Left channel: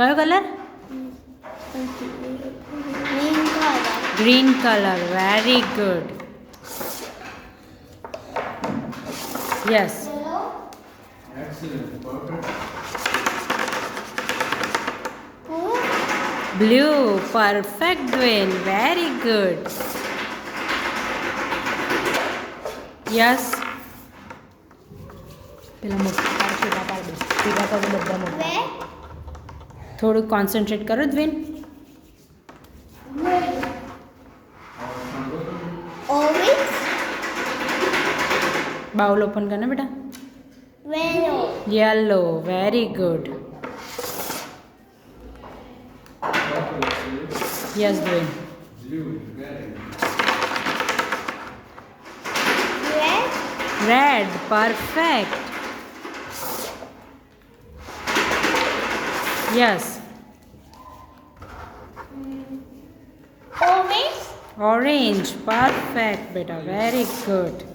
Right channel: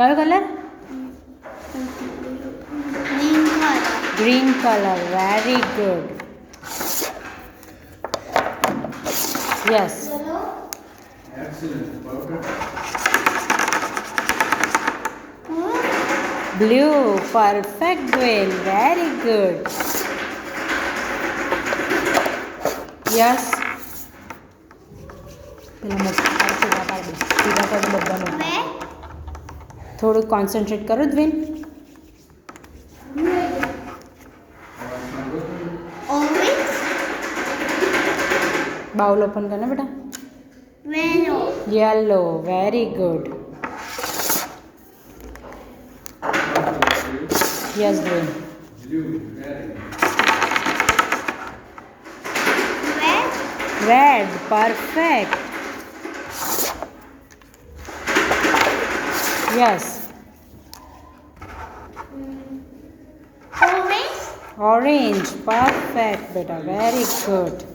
કયો colour? Green colour. Very good. Yes. Blue. Perfect દ્વેન. Very good. Yes. પેલા બધા થોડું કોન્સન્ટ્રેટ કરો દ્વેન. બાઉલ ઓપન કરને બેટા. યલો. Very good. યસ દ્વેન. Red. Perfect. Yes. Orange. Perfect બેટા. Very good.